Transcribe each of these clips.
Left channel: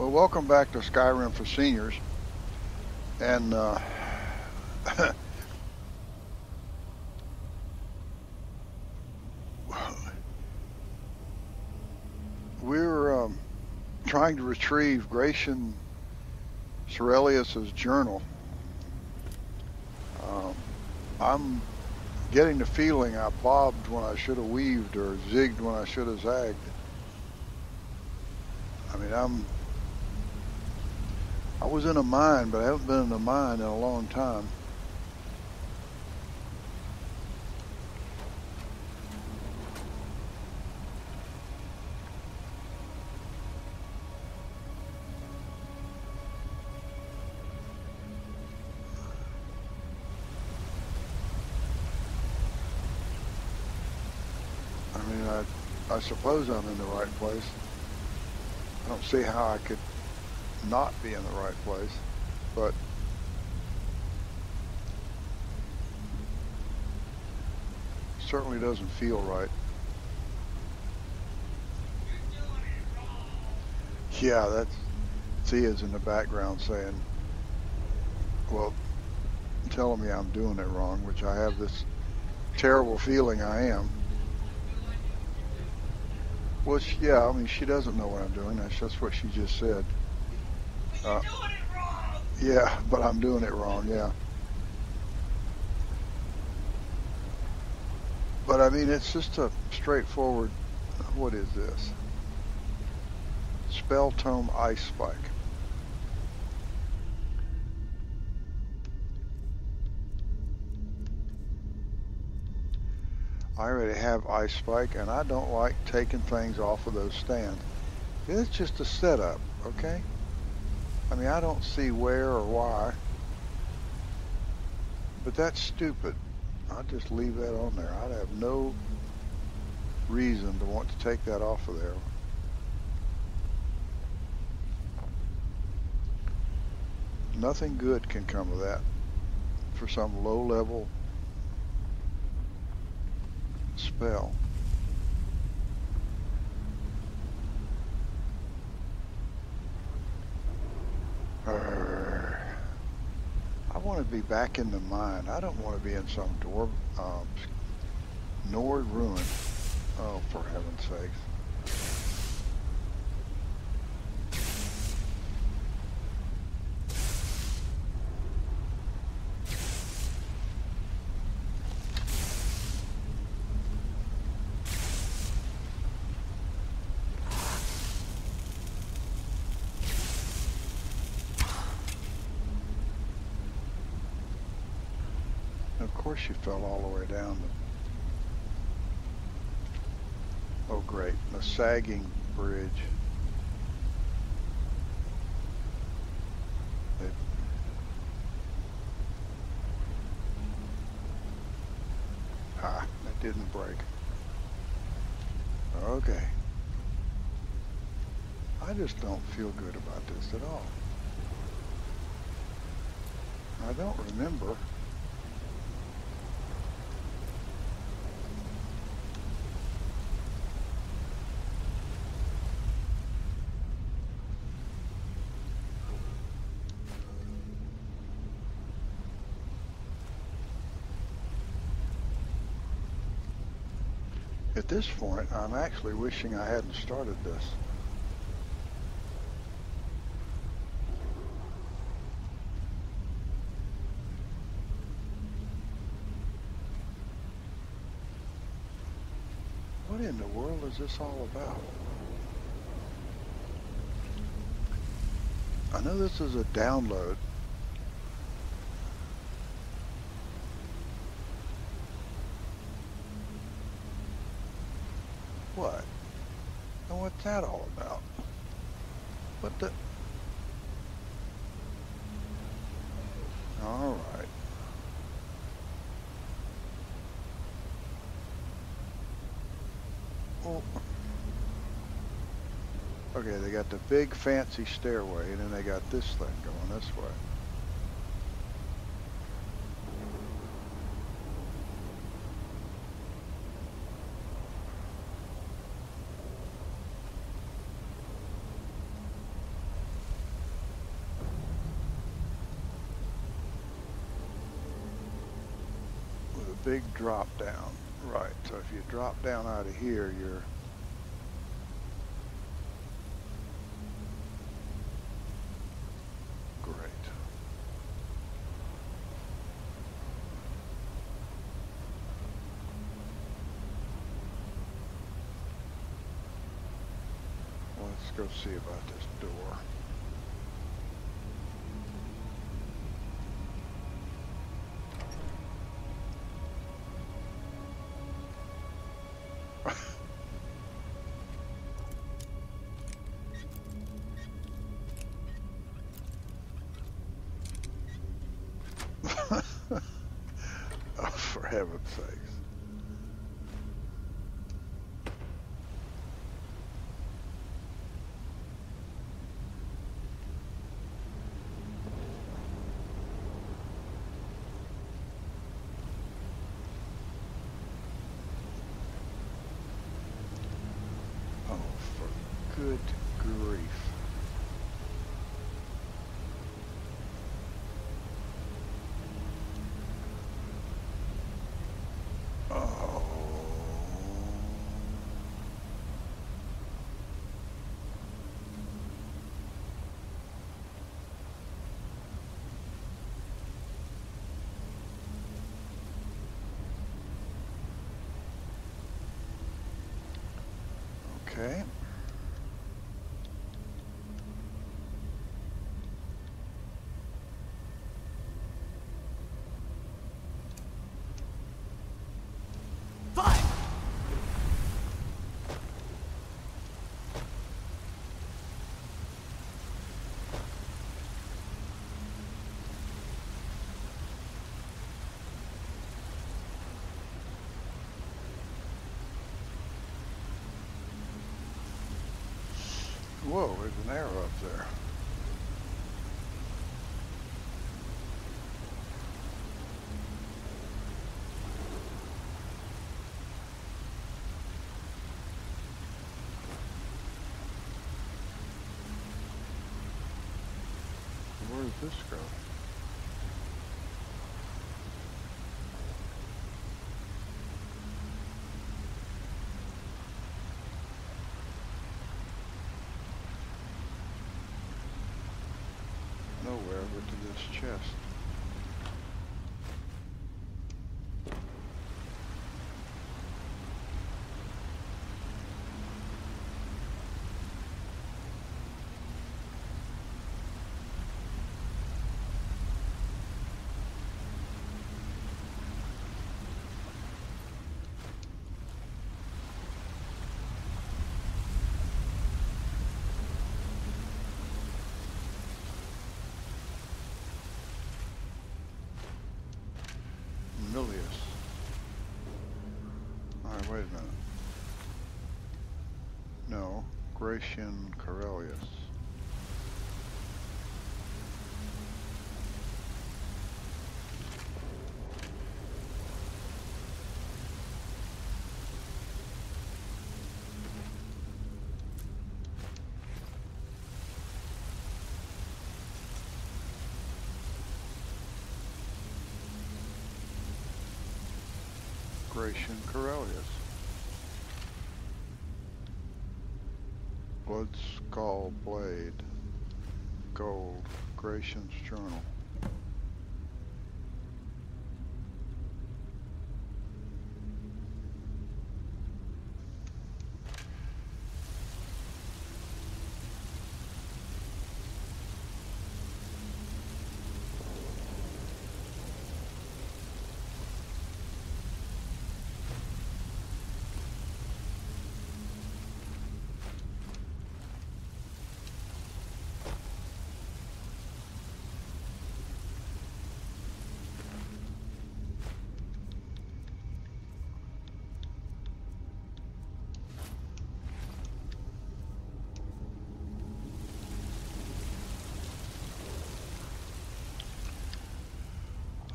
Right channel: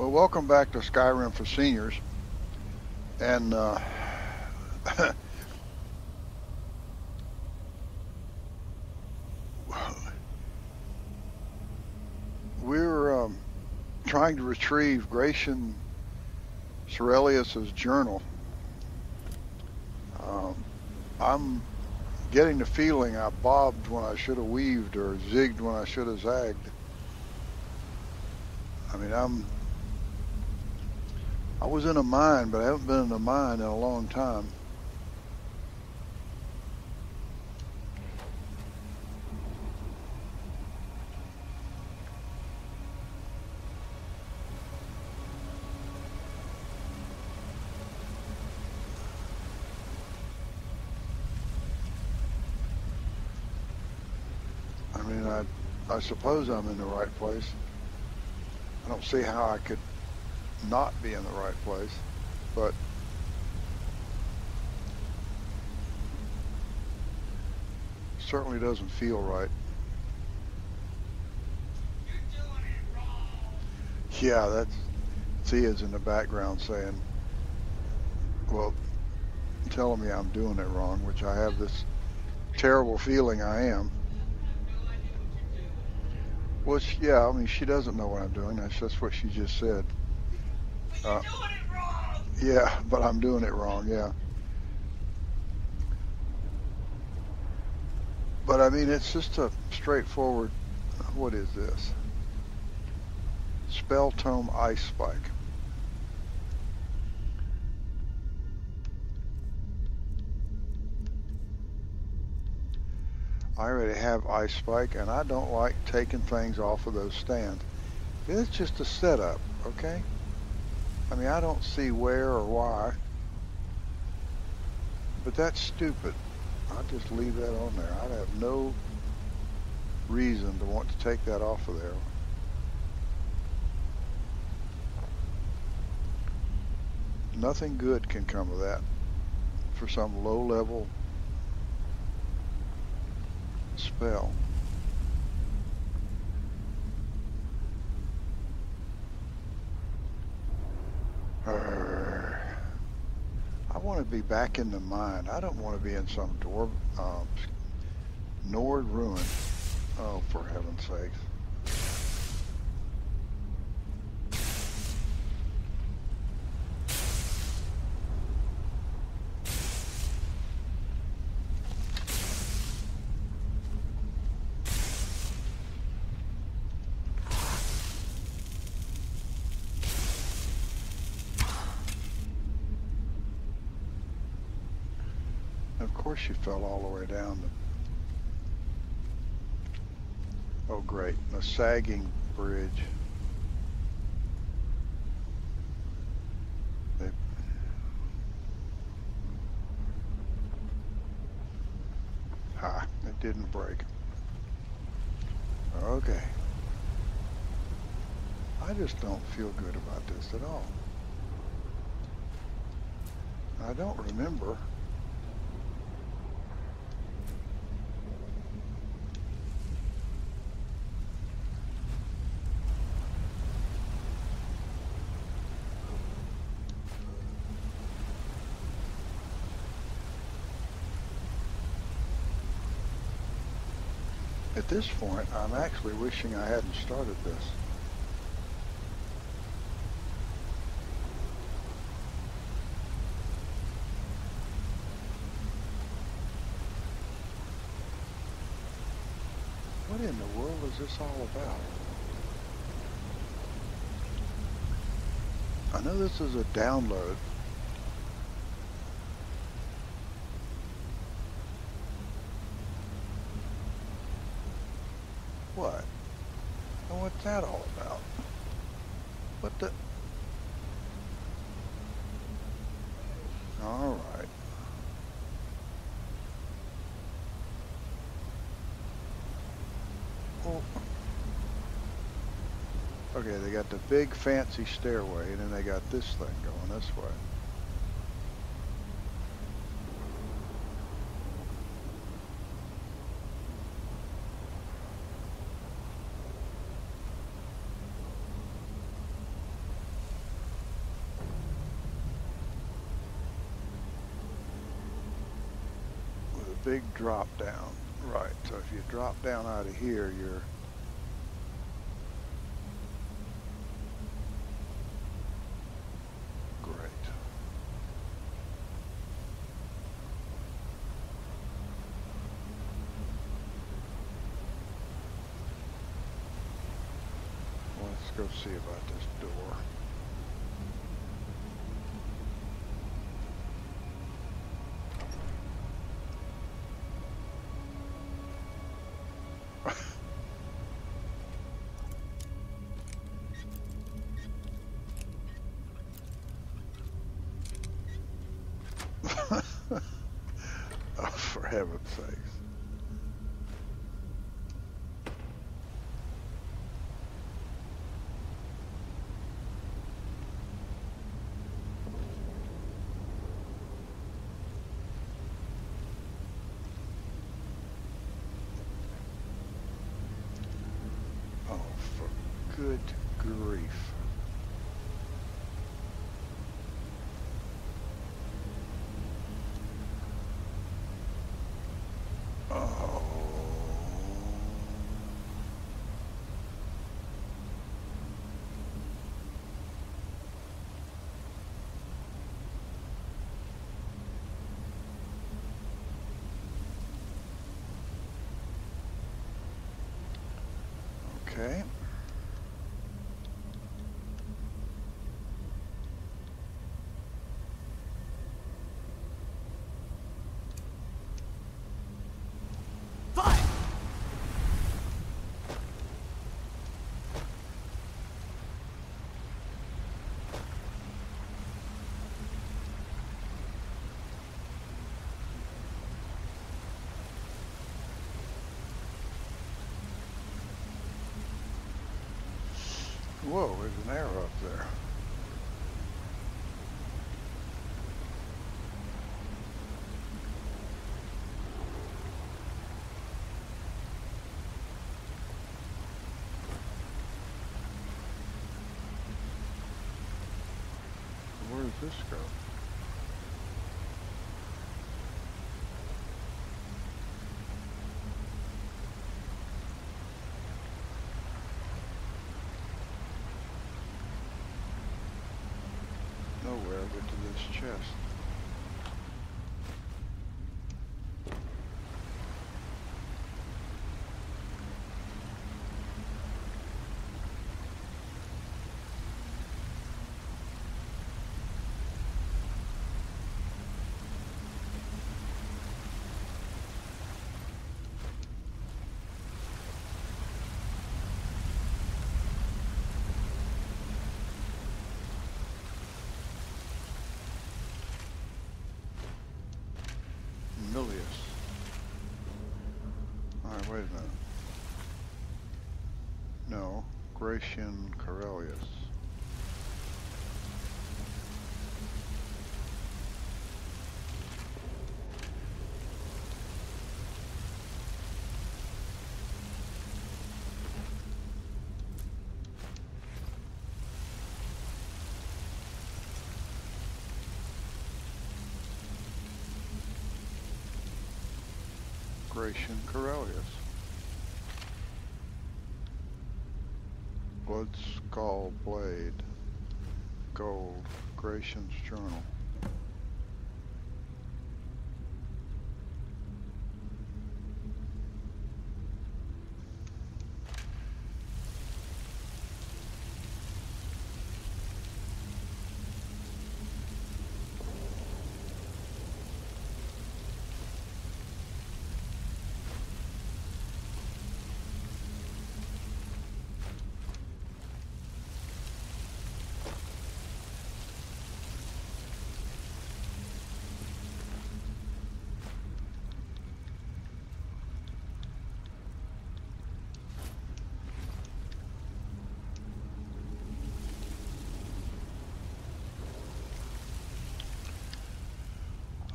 Well, welcome back to Skyrim for Seniors. And we're trying to retrieve Gratian Cerelius's journal. Um, I'm getting the feeling I bobbed when I should have weaved or zigged when I should have zagged. I mean, I was in a mine, but I haven't been in a mine in a long time. I mean, I suppose I'm in the right place. I don't see how I could not be in the right place, but certainly doesn't feel right. Yeah, that's Thea's in the background saying, well, telling me I'm doing it wrong, which I have this terrible feeling I am. Well, yeah, I mean, she doesn't know what I'm doing. That's just what she just said. Uh, yeah, but I'm doing it wrong. Yeah. But I mean, it's just a straightforward, what is this? Spell Tome Ice Spike. I already have Ice Spike, and I don't like taking things off of those stands. It's just a setup, okay? I mean, I don't see where or why, but that's stupid. I'll just leave that on there. I'd have no reason to want to take that off of there. Nothing good can come of that for some low-level spell. I want to be back in the mine. I don't want to be in some Nord ruin. Oh, for heaven's sakes. And of course you fell all the way down. Oh, great. The sagging bridge. They, it didn't break. Okay. I just don't feel good about this at all. I don't remember. At this point, I'm actually wishing I hadn't started this. What in the world is this all about? I know this is a download. What? And what's that all about? What the? All right. Well, okay, they got the big fancy stairway, and then they got this thing going this way. big drop down. Right, so if you drop down out of here, you're great. Let's go see about this door. Oh, for heaven's sakes. Oh, for good grief. Oh. Okay. Whoa, there's an arrow up there. Where does this go? Nowhere but to this chest. Milius. Alright, wait a minute. No, Gratian Corellius. Gratian Corellius. Blood Skull Blade. Gold. Gratian's Journal.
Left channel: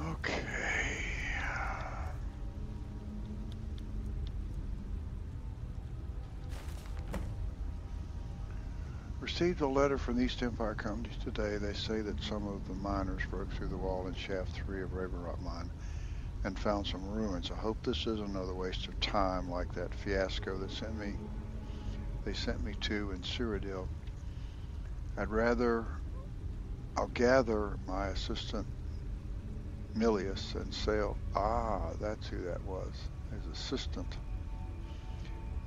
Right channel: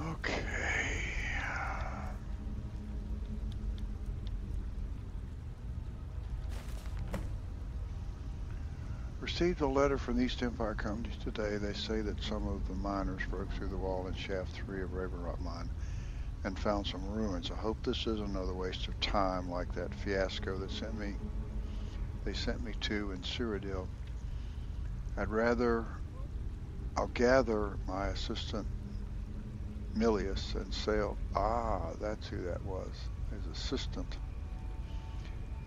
Okay. Received a letter from the East Empire companies today. They say that some of the miners broke through the wall in Shaft 3 of Raven Rock Mine. and found some ruins. I hope this isn't another waste of time like that fiasco they sent me to in Cyrodiil. I'd rather I'll gather my assistant Milius and sail. Ah, that's who that was. His assistant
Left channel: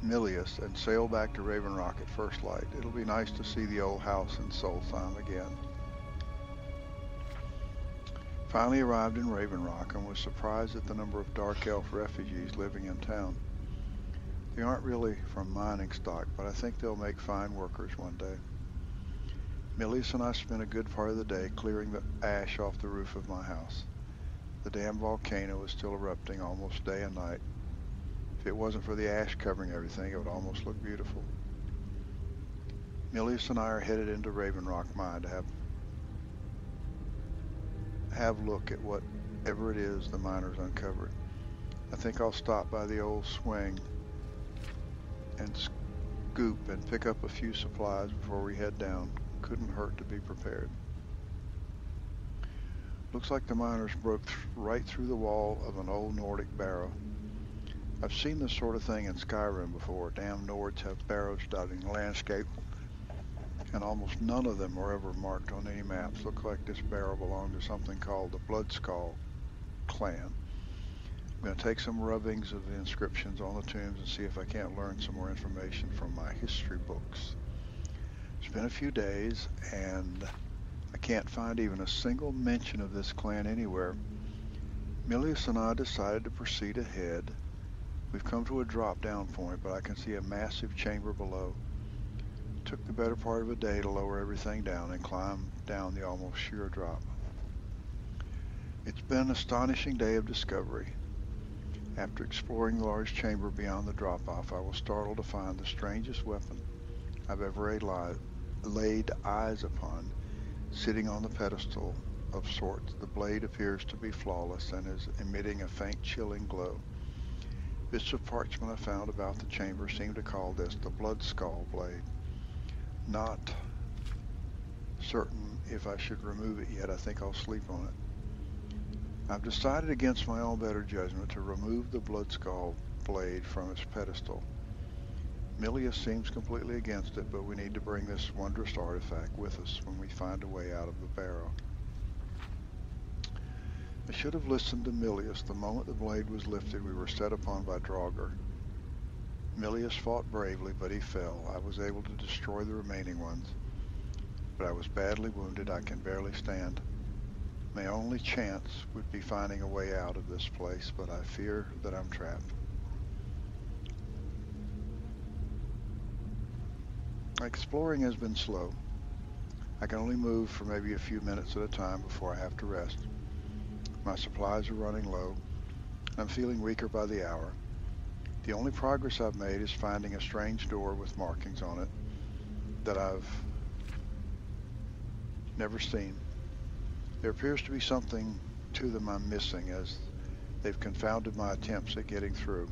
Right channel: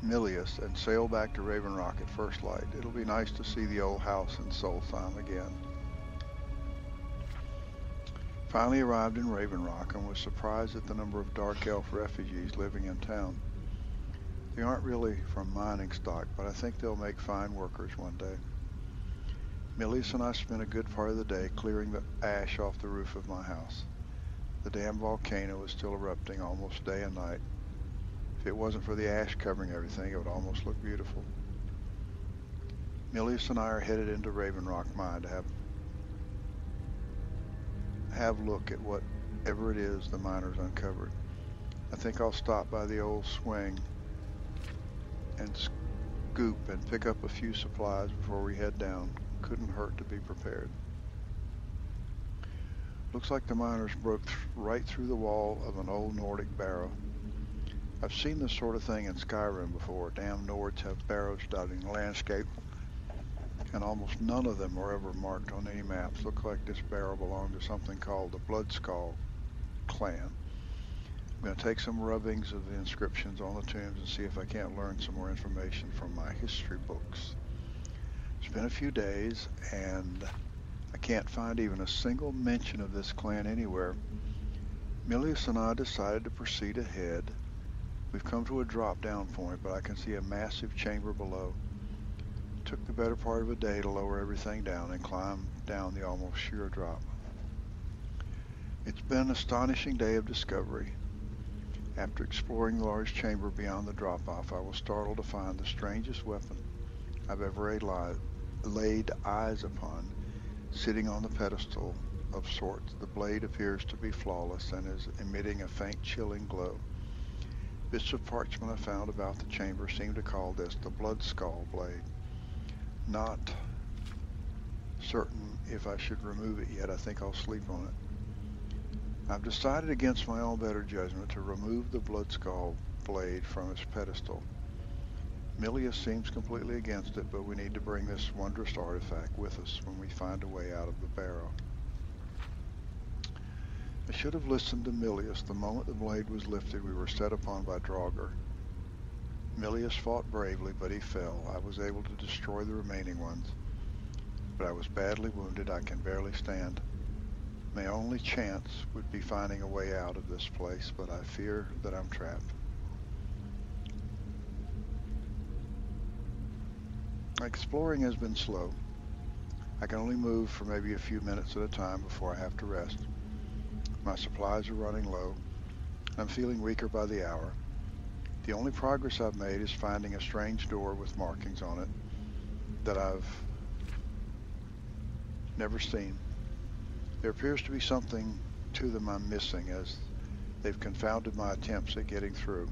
Milius, and sail back to Raven Rock at first light. It'll be nice to see the old house in Solstheim again. Finally arrived in Raven Rock and was surprised at the number of Dark Elf refugees living in town. They aren't really from mining stock, but I think they'll make fine workers one day. Milius and I spent a good part of the day clearing the ash off the roof of my house. The damn volcano was still erupting almost day and night. If it wasn't for the ash covering everything, it would almost look beautiful. Milius and I are headed into Raven Rock Mine to have a look at whatever it is the miners uncovered. I think I'll stop by the old swing and scoop and pick up a few supplies before we head down. Couldn't hurt to be prepared. Looks like the miners broke right through the wall of an old Nordic barrow. I've seen this sort of thing in Skyrim before. Damn Nords have barrows dotting the landscape, and almost none of them are ever marked on any maps. Look like this barrow belonged to something called the Bloodskull clan. I'm going to take some rubbings of the inscriptions on the tombs and see if I can't learn some more information from my history books. It's been a few days, and I can't find even a single mention of this clan anywhere. Milius and I decided to proceed ahead. We've come to a drop-down point, but I can see a massive chamber below. It took the better part of a day to lower everything down and climb down the almost sheer drop. It's been an astonishing day of discovery. After exploring the large chamber beyond the drop-off, I was startled to find the strangest weapon I've ever laid eyes upon, sitting on the pedestal of sorts. The blade appears to be flawless and is emitting a faint chilling glow. Bits of parchment I found about the chamber seem to call this the Bloodskull blade. Not certain if I should remove it yet. I think I'll sleep on it. I've decided against my own better judgment to remove the Bloodskull blade from its pedestal. Milius seems completely against it, but we need to bring this wondrous artifact with us when we find a way out of the barrow. I should have listened to Milius. The moment the blade was lifted, we were set upon by Draugr. Milius fought bravely, but he fell. I was able to destroy the remaining ones, but I was badly wounded. I can barely stand. My only chance would be finding a way out of this place, but I fear that I'm trapped. Exploring has been slow. I can only move for maybe a few minutes at a time before I have to rest. My supplies are running low. I'm feeling weaker by the hour. The only progress I've made is finding a strange door with markings on it that I've never seen. There appears to be something to them I'm missing, as they've confounded my attempts at getting through.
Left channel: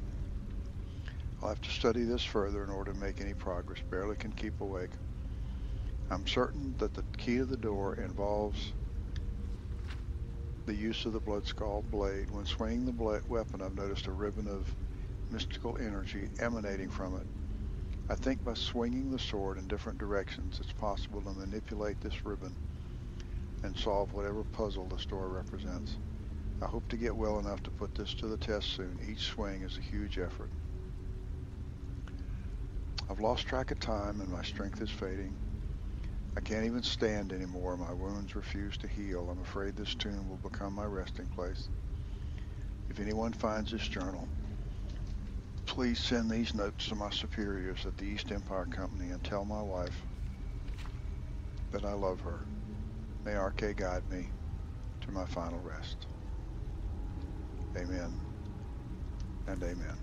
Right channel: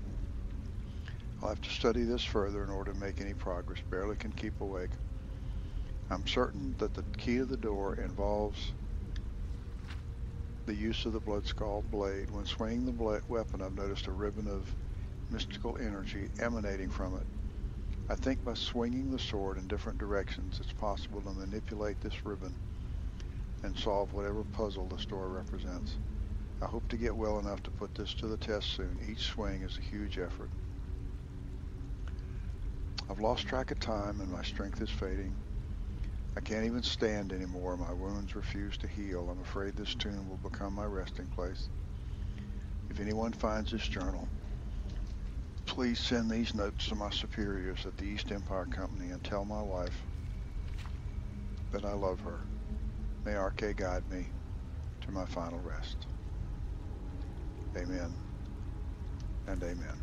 I'll have to study this further in order to make any progress. Barely can keep awake. I'm certain that the key to the door involves the use of the Bloodskull blade. When swinging the weapon, I've noticed a ribbon of mystical energy emanating from it. I think by swinging the sword in different directions, it's possible to manipulate this ribbon and solve whatever puzzle the door represents. I hope to get well enough to put this to the test soon. Each swing is a huge effort. I've lost track of time and my strength is fading. I can't even stand anymore. My wounds refuse to heal. I'm afraid this tomb will become my resting place. If anyone finds this journal, please send these notes to my superiors at the East Empire Company and tell my wife that I love her. May RK guide me to my final rest. Amen and amen.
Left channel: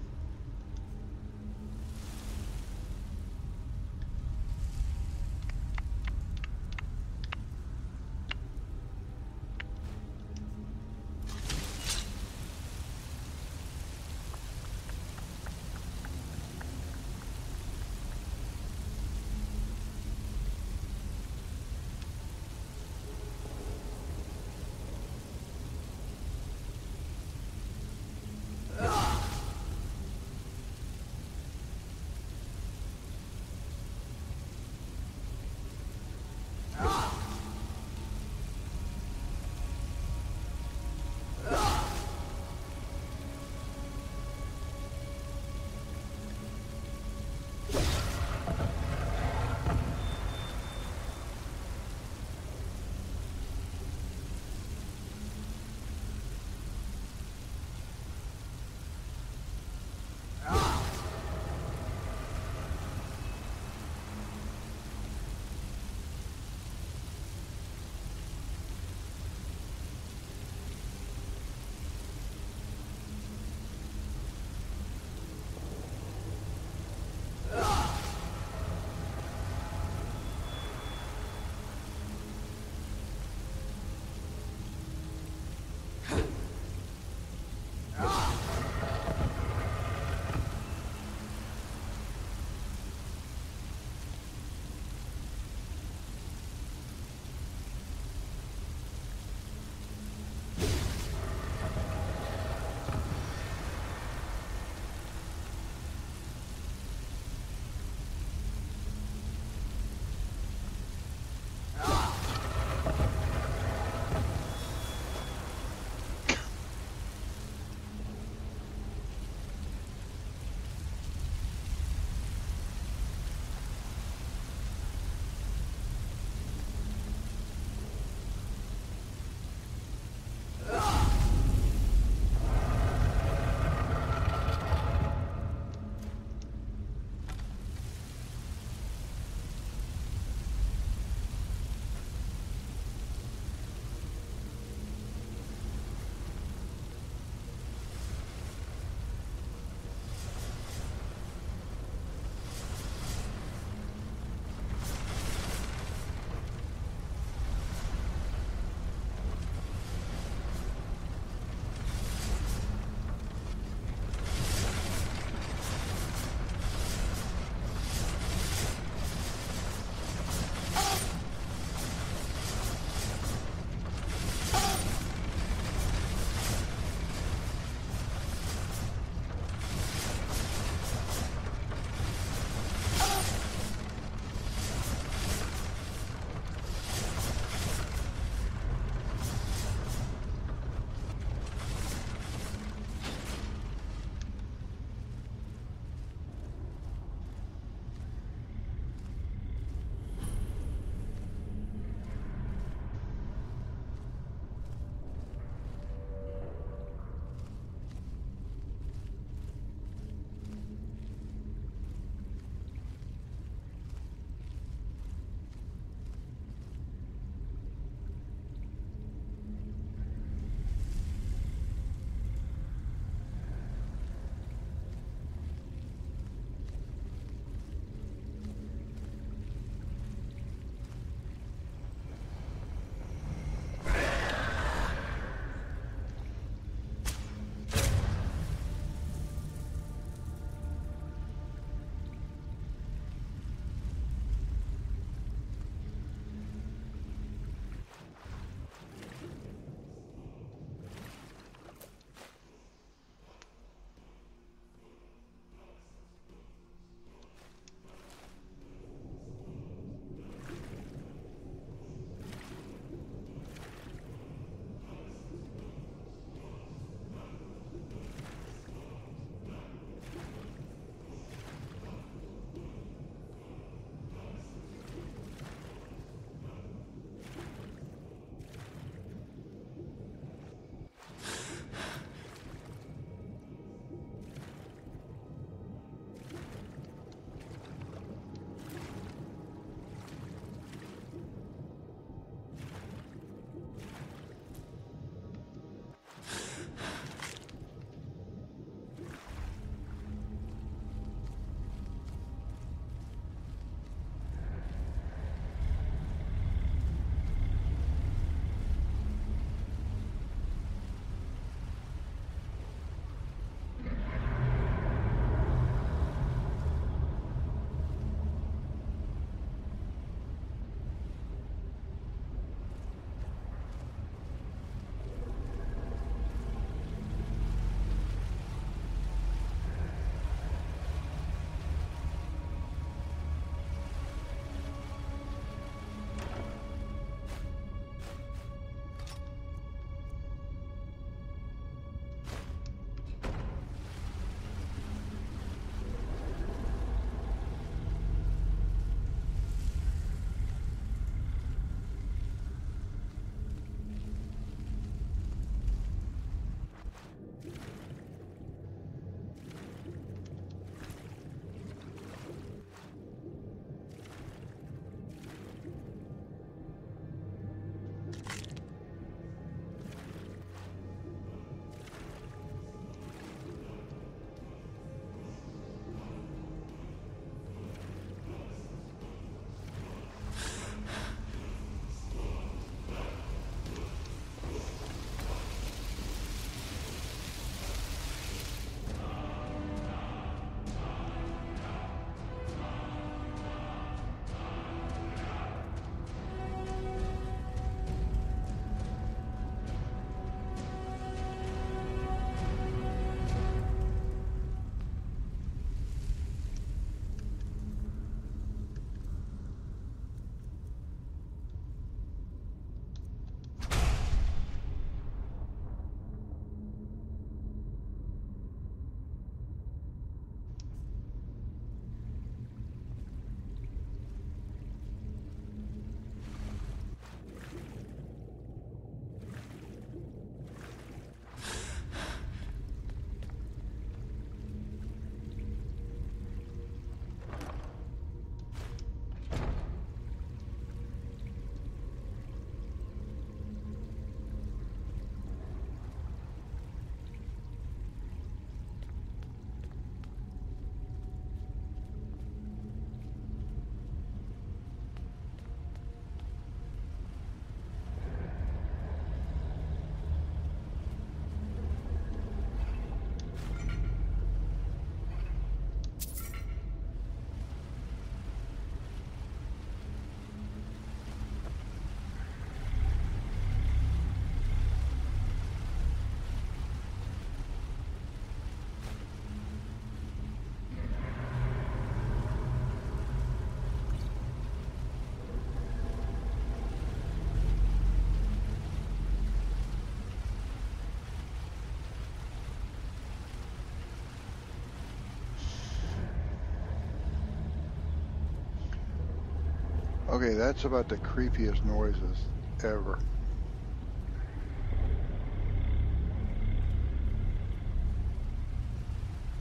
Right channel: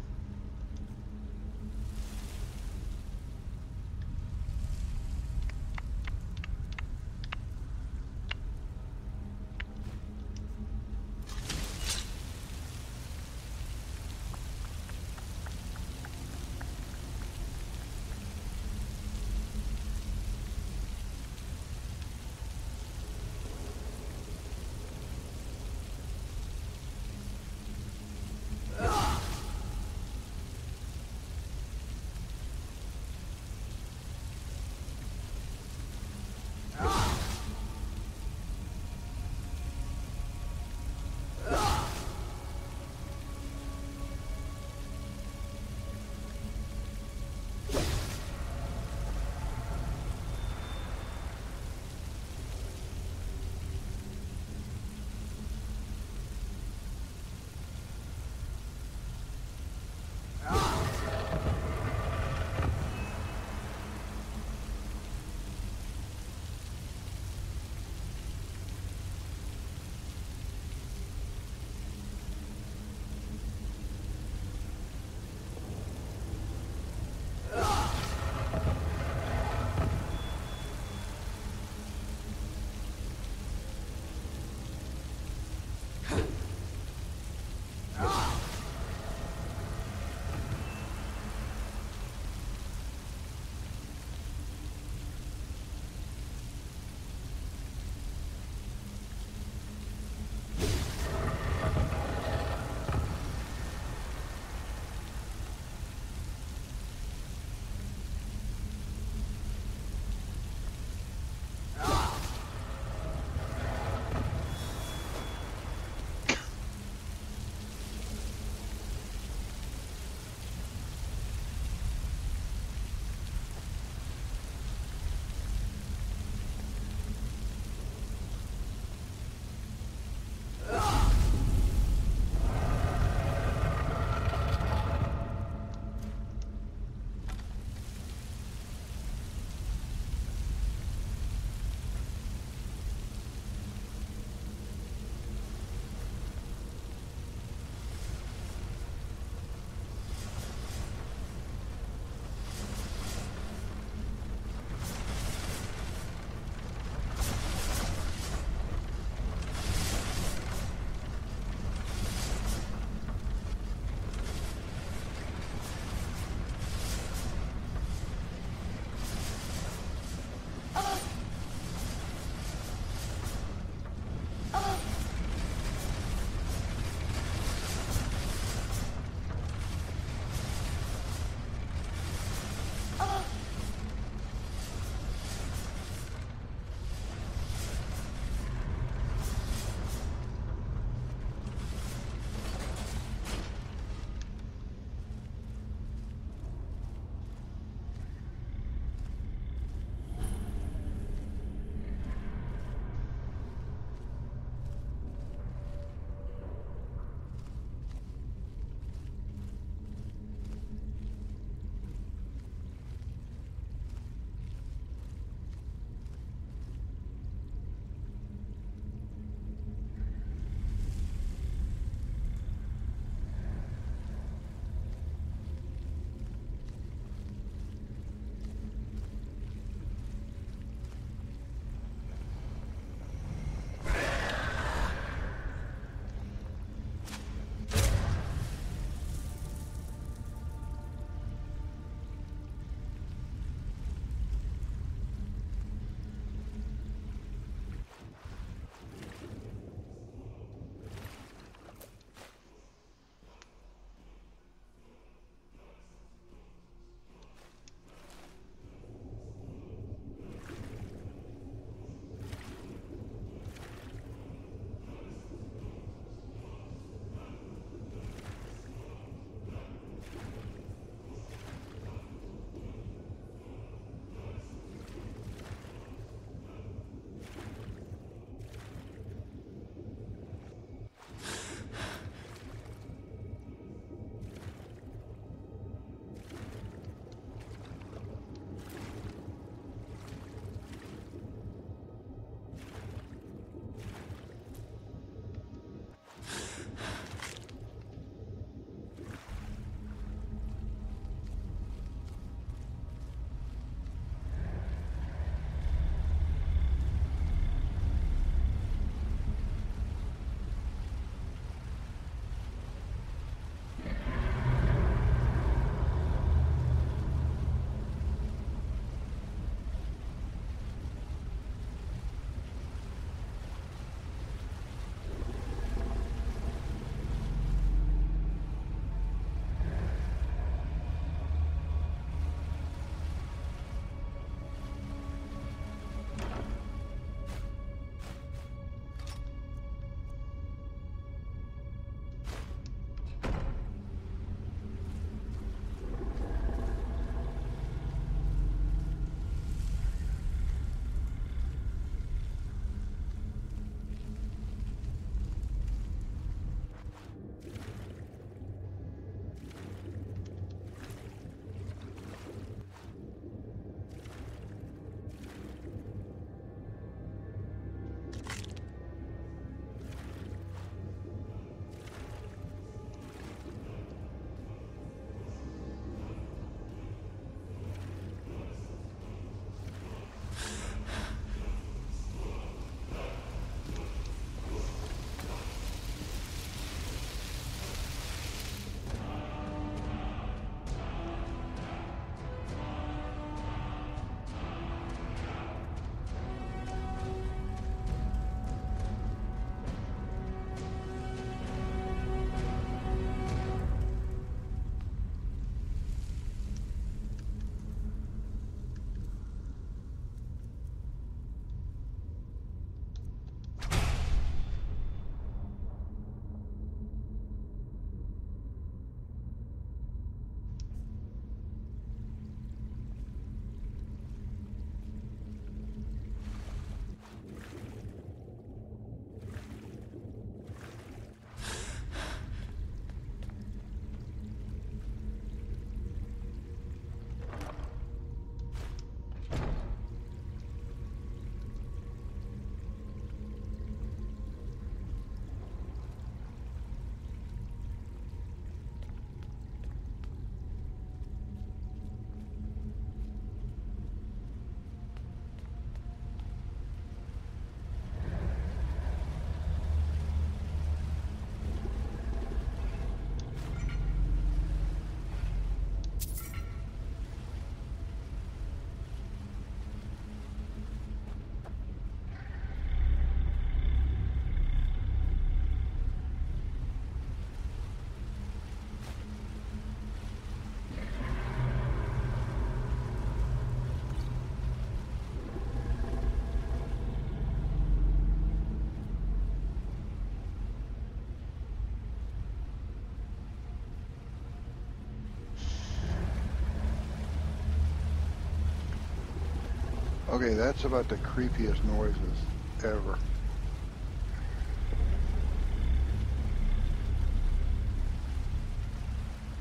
Okay, that's about the creepiest noises ever.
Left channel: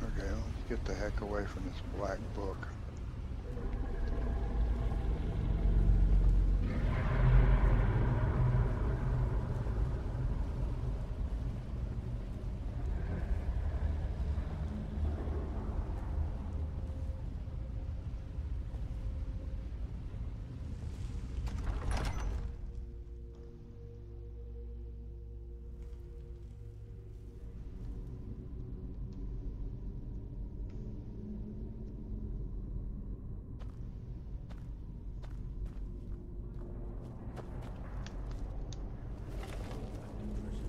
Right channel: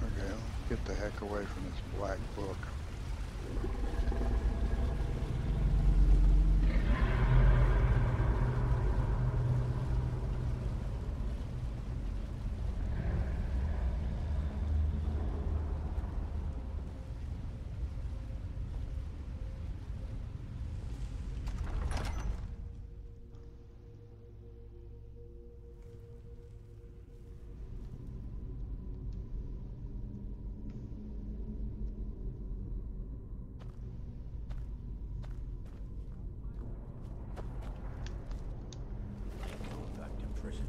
Okay, let's get the heck away from this black book. Back to prison.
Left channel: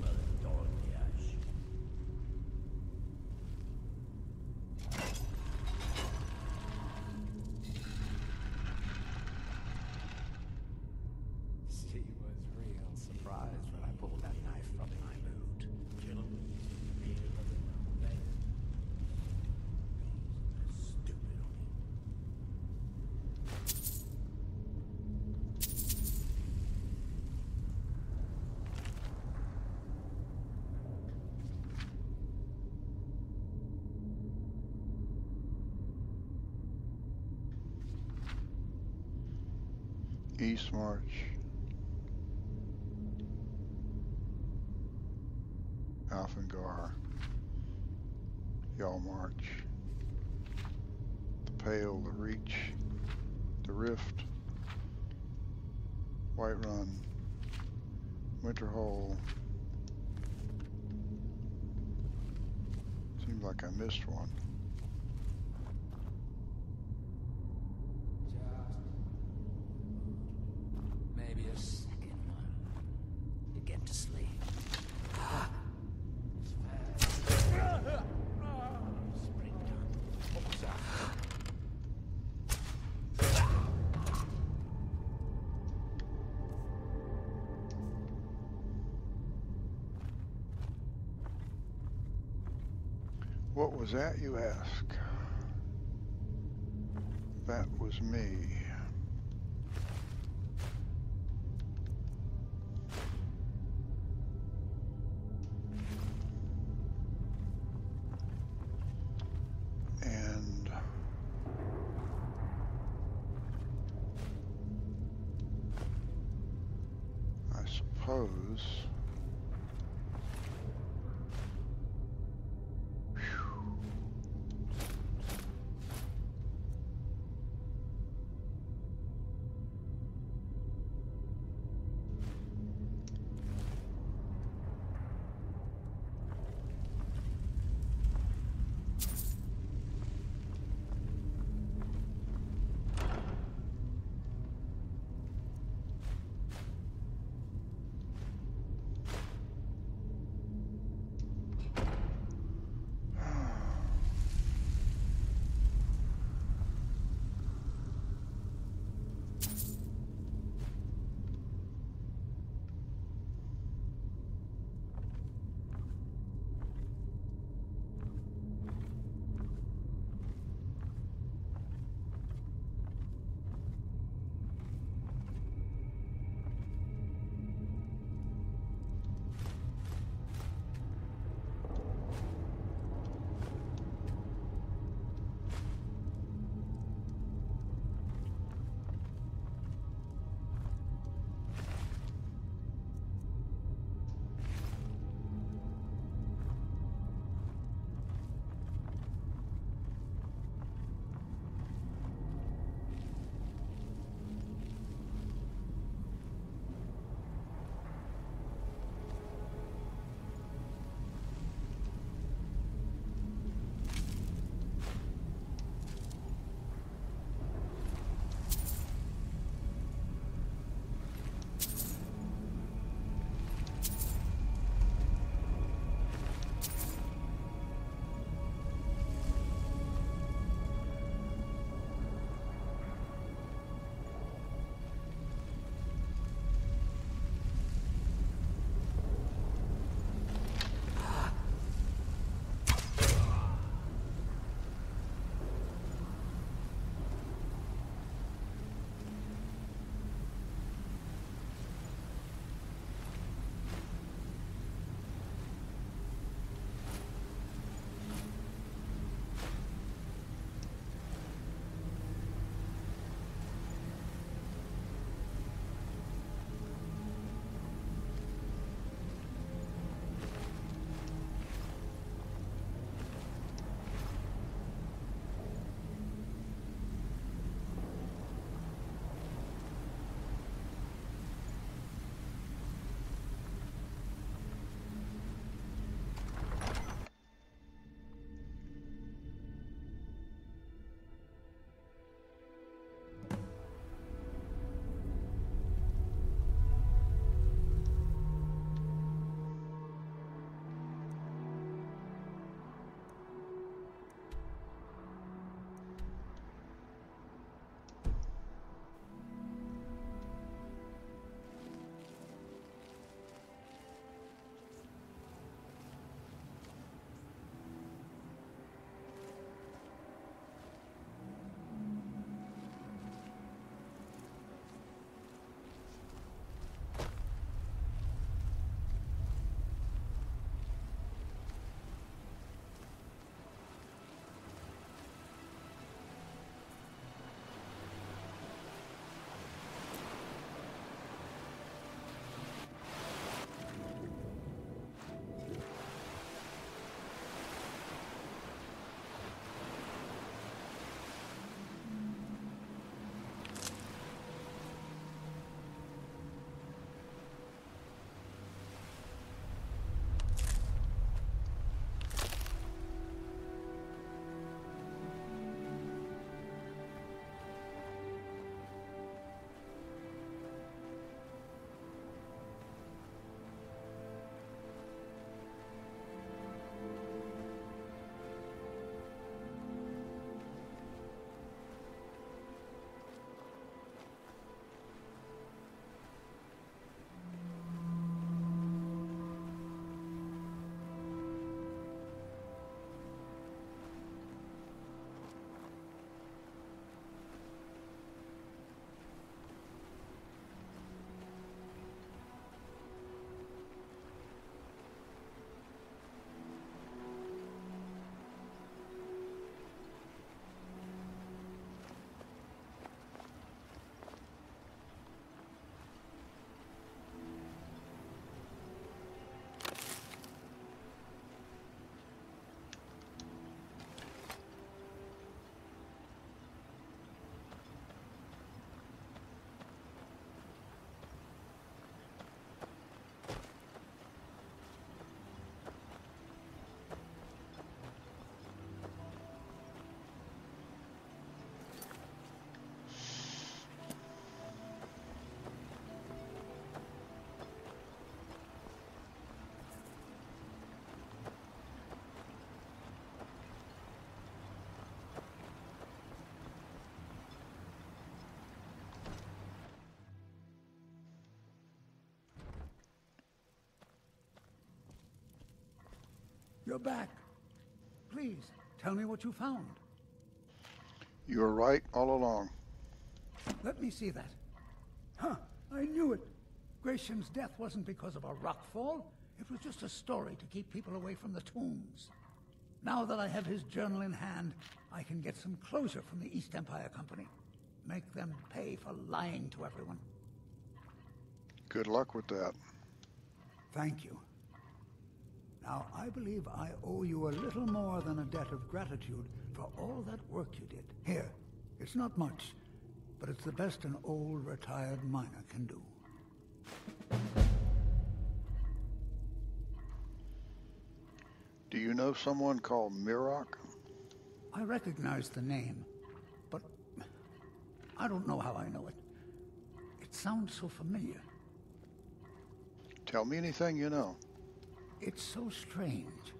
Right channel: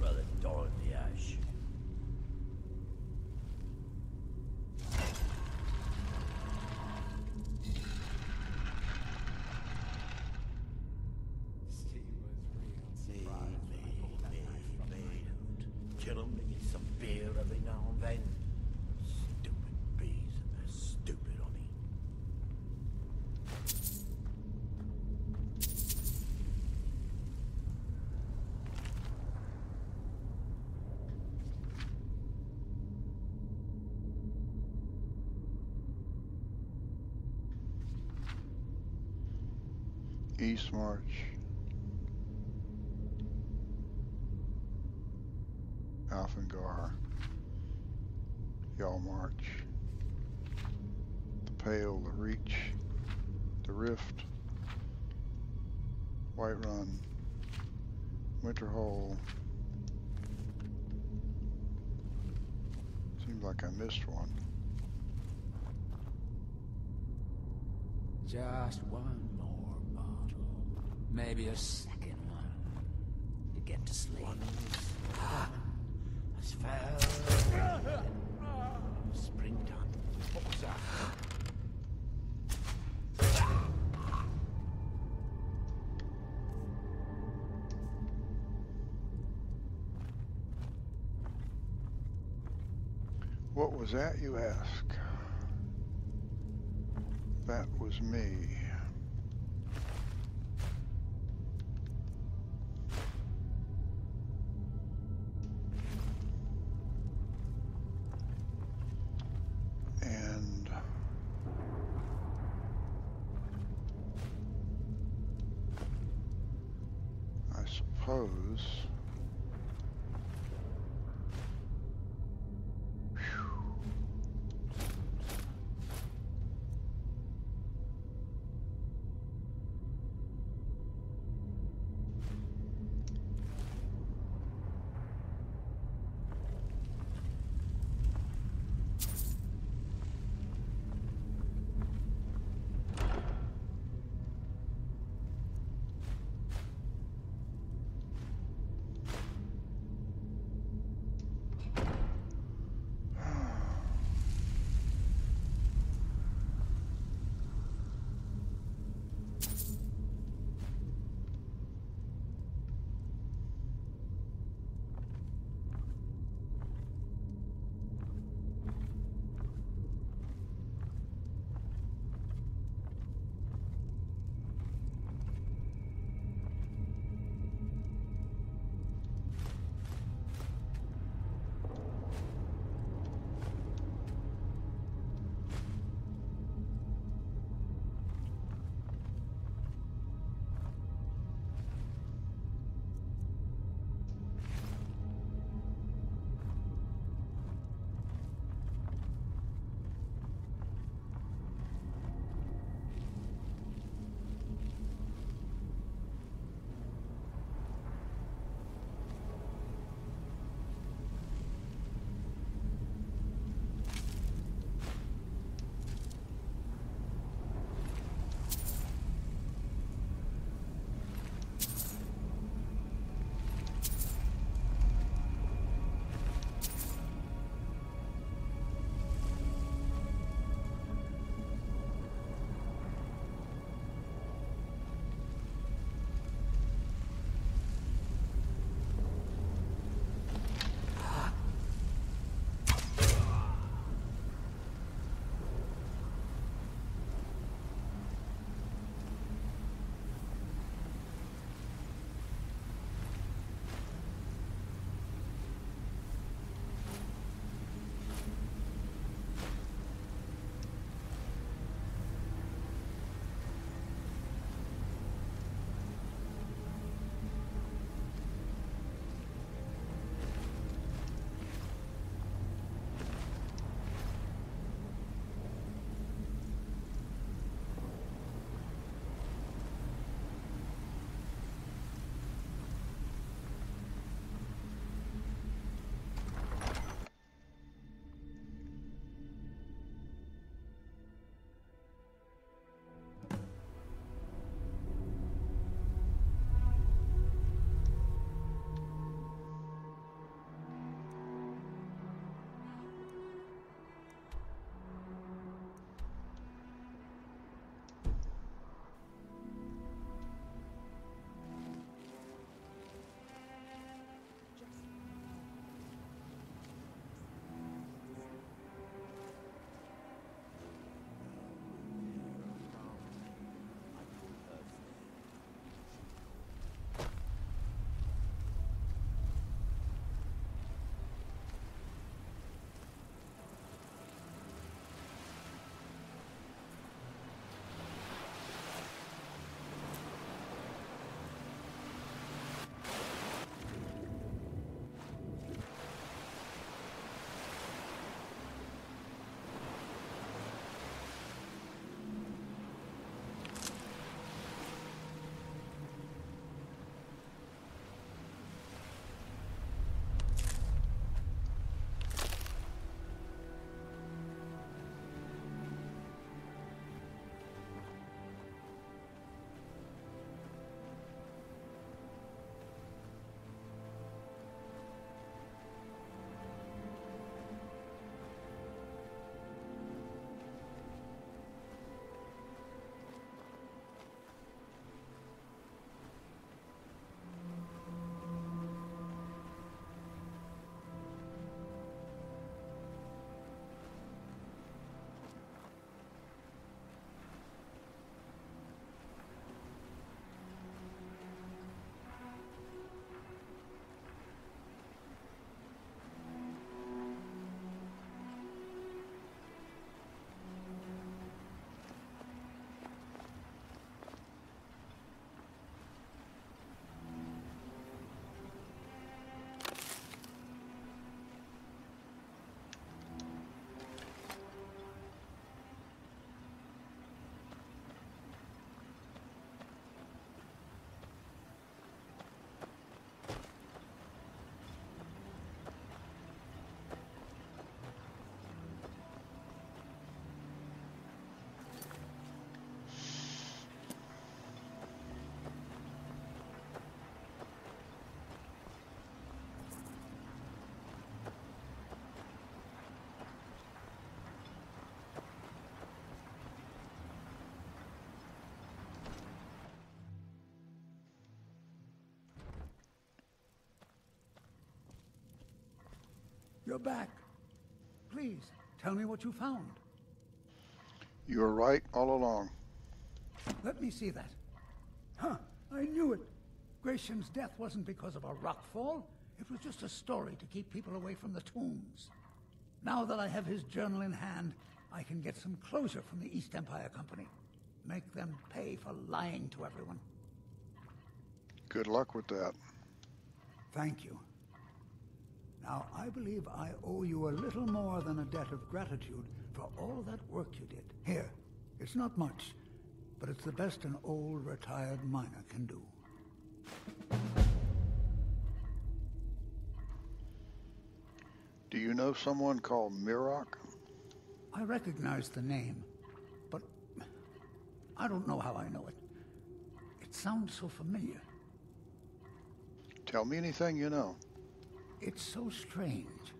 Rather die in the ash. She was real surprised when I pulled that knife from my boot. Gentlemen, some beer every now and then. Stupid bees and their stupid honey. East March. Alfengar. Y'all March. The Pale, the Reach, the Rift, White Run, Winter Hole. Seems like I missed one. Just one more bottle. Maybe a second one. You get to sleep. As fast springtime. What was that? What was that, you ask? That was me. And I suppose You're back. Please, tell me what you found. You were right all along. Let me see that. Huh, I knew it. Gratian's death wasn't because of a rockfall. It was just a story to keep people away from the tombs. Now that I have his journal in hand, I can get some closure from the East Empire Company. Make them pay for lying to everyone. Good luck with that. Thank you. Now, I believe I owe you a little more than a debt of gratitude for all that work you did. Here, it's not much, but it's the best an old retired miner can do. Do you know someone called Mirok? I recognize the name, but I don't know how I know it. It sounds so familiar. Tell me anything you know. It's so strange.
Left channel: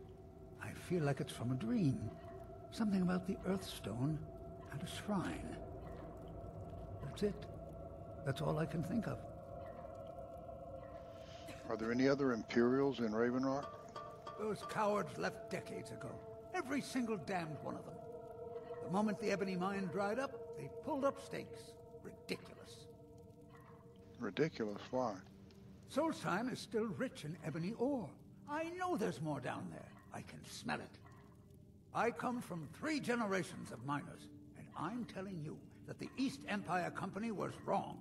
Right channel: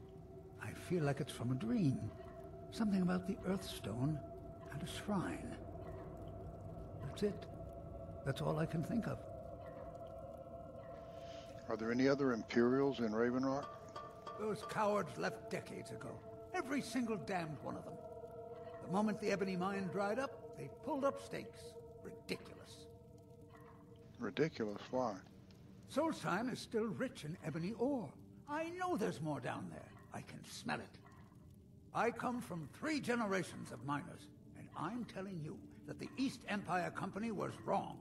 I feel like it's from a dream. Something about the Earthstone and a shrine. That's it. That's all I can think of. Are there any other Imperials in Raven Rock? Those cowards left decades ago. Every single damned one of them. The moment the ebony mine dried up, they pulled up stakes. Ridiculous. Ridiculous, why? Solstheim is still rich in ebony ore. I know there's more down there. I can smell it. I come from 3 generations of miners, and I'm telling you that the East Empire Company was wrong.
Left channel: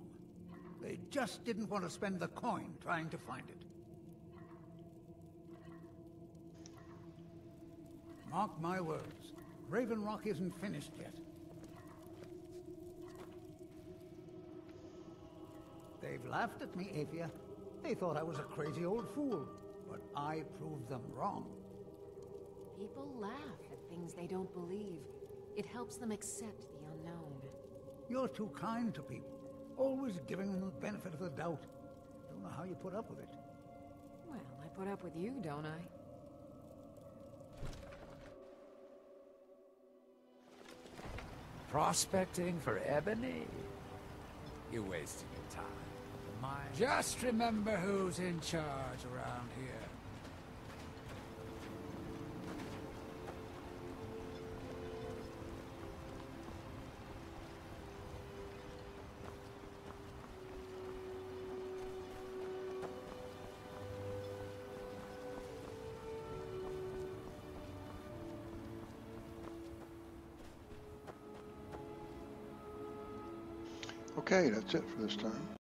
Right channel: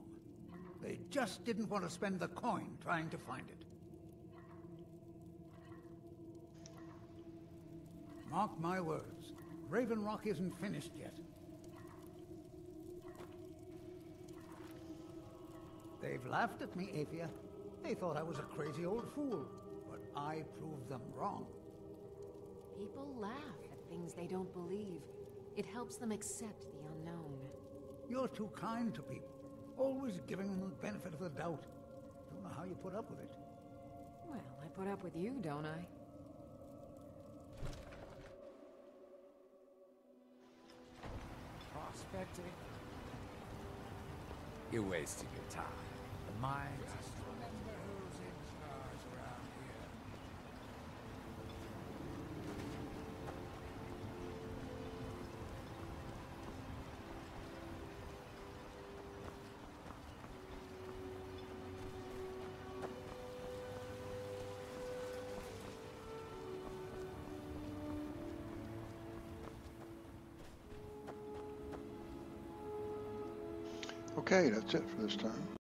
They just didn't want to spend the coin trying to find it. Mark my words, Raven Rock isn't finished yet. They've laughed at me, Avia. They thought I was a crazy old fool, but I proved them wrong. People laugh at things they don't believe. It helps them accept the unknown. You're too kind to people, always giving them the benefit of the doubt. Don't know how you put up with it. Well, I put up with you, don't I? Prospecting for ebony? You're wasting your time. The mine. Just remember who's in charge around here. Okay, that's it for this time.